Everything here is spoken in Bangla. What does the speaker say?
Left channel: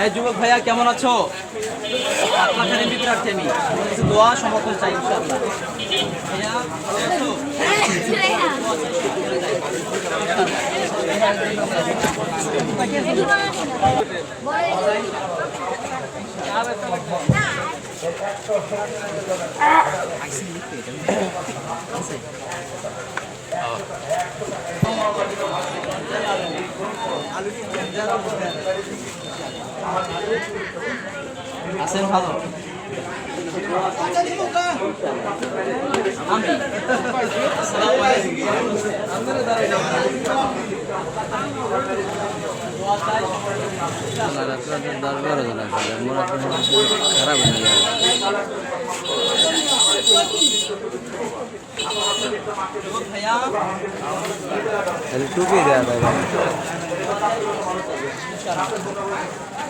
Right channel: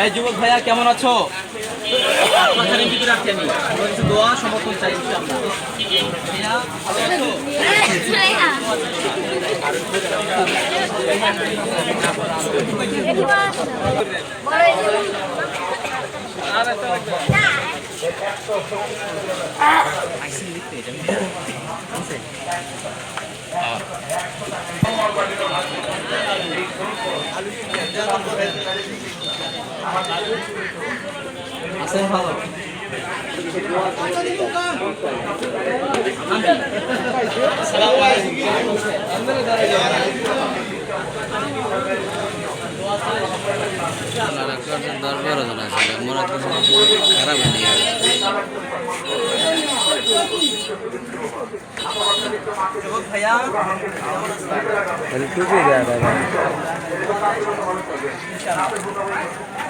এই যুবক ভাইয়া, কেমন আছো? খানে বিক্রি রাখছি আমি। কিছু দোয়া, সমর্থন চাই ভাইয়া আছো? আছেন ভালো? দরবারও জানা ছিল মনে খারাপ হয়ে গেল ইনশাআল্লাহ